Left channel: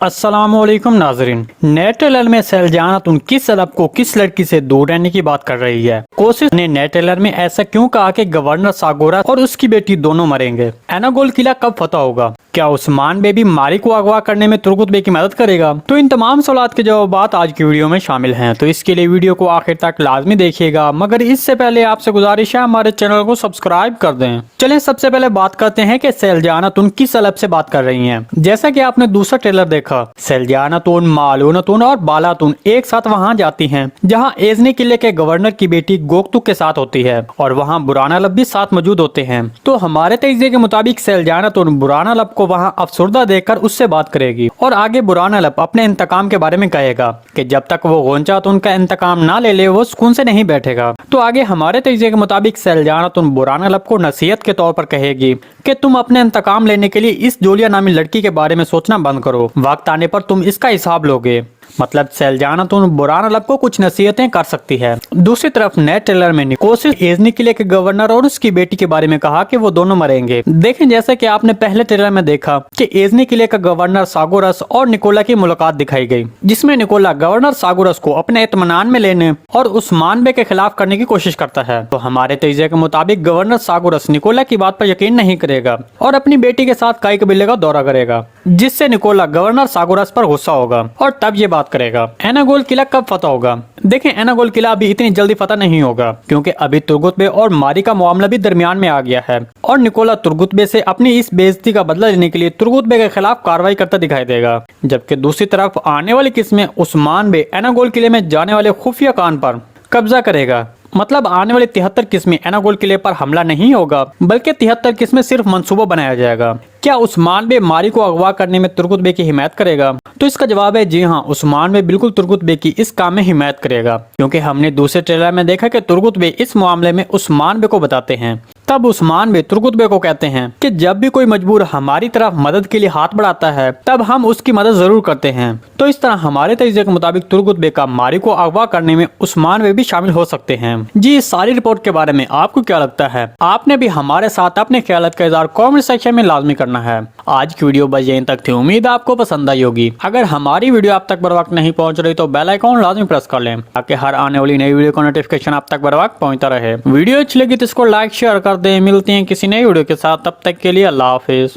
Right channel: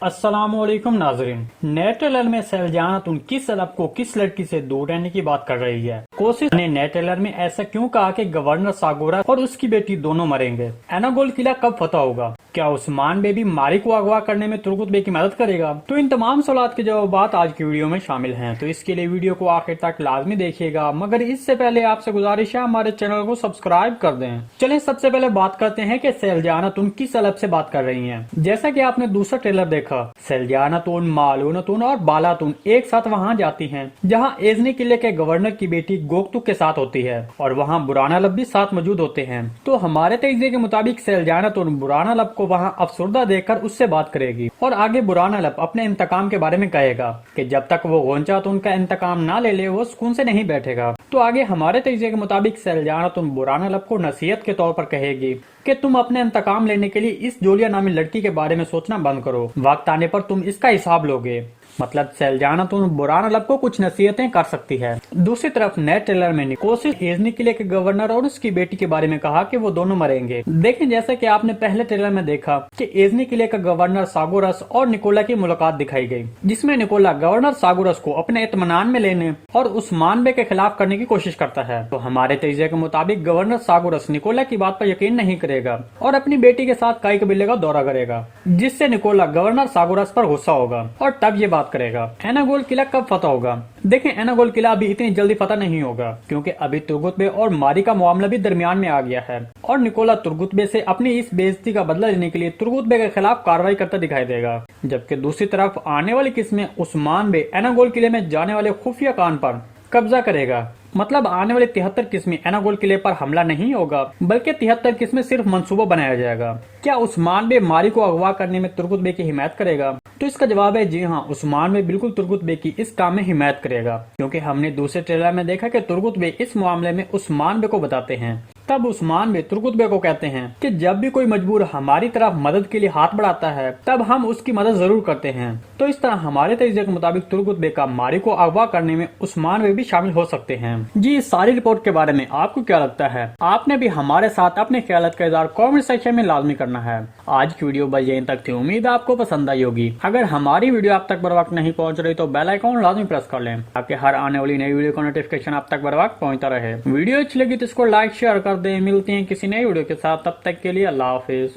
السلام علیکم ناظرین، نئے ٹریلر میں سیلجان خاتون کس سبب کو کس لڑکی سے دور رہنے کی بات کر رہی ہے؟ کوشش نے نئے ٹریلر میں ایسا کیوں کہا کہ گورنر ساگورا اور اس کی بیٹی دونوں مریں گے؟ ایناگول قلعہ کب فتح ہوگا؟ کیا عثمان بے بھی ماری کو اغوا کرنے میں ترگت بے کی مدد کرے گا؟ تو ان تمام سوالات کے جوابات آج کی ویڈیو میں شامل ہیں، تو اس کے لیے ویڈیو کو آخر تک لازمی دیکھیے گا، مگر اس سے پہلے آپ سے گزارش ہے ہمارے چینل کو سبسکرائب کر دیں۔ چلیں سب سے پہلے بات کرتے ہیں کہ سیلجان خاتون کس سبب سے بات کر رہی ہیں۔ جیسا کہ آپ نے دوسرا ٹریلر دیکھا، سیلجان خاتون، مالون خاتون اور بالا خاتون ایک ساتھ وہاں جاتی ہیں جہاں ایزنی قلعے کے گورنر کی بیٹی گوکتوک کے ساتھ ہوتی ہے، اور وہاں برانا لب بھی ساتھ موجود ہوتے ہیں۔ تو ہمارے تجزیے کے مطابق سیلجان خاتون برانا لب کو وہاں افسردہ دیکھ کر اس سے بات کرے گی، اور آگے برانا لب اپنے انتقام کے بارے میں کہے گا کہ جب تک وہ غونچا خاتون کا انتقام نہ لے وہ سکون سے نہیں بیٹھے گا۔ تو آگے ہمارے تجزیے کے مطابق سیلجان خاتون برانا لب کو نصیحت کے طور پر کہے گی کہ تم اپنے انتقام لینے کے لیے اس جولیا نامی لڑکی کے بارے میں سوچنا بند کرو، وقت آنے پر تم اس کا حساب لوگے۔ مطلب سیلجان خاتون برانا لب کو کچھ نصیحتیں کر سکتی ہے۔ دوسری طرف نئے ٹریلر میں کوشش ایزنی قلعے کے گورنر اور اس کی بیٹی کے بارے میں کہا کہ وہ دونوں مریں گے۔ دیکھیں جیسا کہ آپ نے پہلے ٹریلر میں دیکھا کہ ایزنی قلعے کا گورنر ساگورس اور نکولا کی ملاقات دکھائی گئی، جس میں نکولا گورنر ساگورس کو اپنے اطمینان میں لینے اور عثمان بے کے خلاف کرنے کی کوشش کرتا ہے۔ تو ہمارے تجزیے کے مطابق گورنر ساگورس نکولا کی بات پر یقین نہیں کرے گا اور اپنی بیٹی کے ساتھ کائی قبیلے کا دورہ کرے گا، جس سے نکولا گورنر ساگورس پر غصہ ہوگا اور تب یہ بات کرے گا۔ ایناگول قلعہ کب فتح ہوگا؟ دیکھیں ایناگول قلعہ ابھی اتنی جلدی فتح نہیں ہوگا، کیونکہ ابھی ترگت بے اور ماری کا معاملہ بھی درمیان میں آ گیا ہے، اور نکولا ترگت بے سے اپنی اس بے عزتی کا بدلہ لینے کے لیے ترگت بے کے خلاف کارروائی کرتا دکھائی دے گا، جبکہ دوسری طرف آنے والی قسط میں عثمان بے ایناگول قلعے میں جانے والے خفیہ کان پر قبضہ کرے گا۔ مطلب آنے والی 73 قسمیں ایناگول قلعے پر حملہ نہیں ہوگا، بلکہ 73 قسمیں صرف منصوبہ بنایا جائے گا۔ کیا عثمان بے ماری کو اغوا کرنے میں ترگت بے کی حمایت کرے گا؟ تو اس کا جواب ہے جی ہاں، عثمان بے بالکل ترگت بے کی اس کام میں حمایت کرے گا، کیونکہ ہم نے دوسرے ٹریلر میں دیکھا کہ ترگت بے اس معاملے میں عثمان بے کو بتاتے ہیں۔ تب عثمان بے ترگت بے کو کہتے ہیں کہ جب بھی کوئی مجبور ہماری طرف مدد کے لیے ہاتھ بڑھاتا ہے تب ہم اس کی مدد ضرور کرتے ہیں۔ تو اس طرح ہمارے تجزیے کے مطابق ترگت بے کا ماری کو اغوا کرنے میں عثمان بے بھی شامل ہو سکتے ہیں۔ جی اس ساری رپورٹ کے بارے میں آپ کو کیا لگتا ہے؟ آپ نے بھی ہمارے ساتھ اپنے خیالات کا اظہار کامنٹ سیکشن میں لازمی کرنا ہے۔ آج کی ویڈیو بس یہیں تک تھی، امید آپ کو پسند آئی ہوگی۔ اگر ہماری ویڈیو آپ تک بر وقت نہیں پہنچ رہی تو بیل آئیکن لازمی پریس کر لیں تاکہ ہر آنے والی نئی ویڈیو کا نوٹیفکیشن آپ تک بر وقت پہنچتا رہے۔ ویڈیو اچھی لگی تو اس کو لائک شیئر کر دیں۔ ملتے ہیں کسی نئی ویڈیو کے ساتھ، تب تک کے لیے اللہ حافظ۔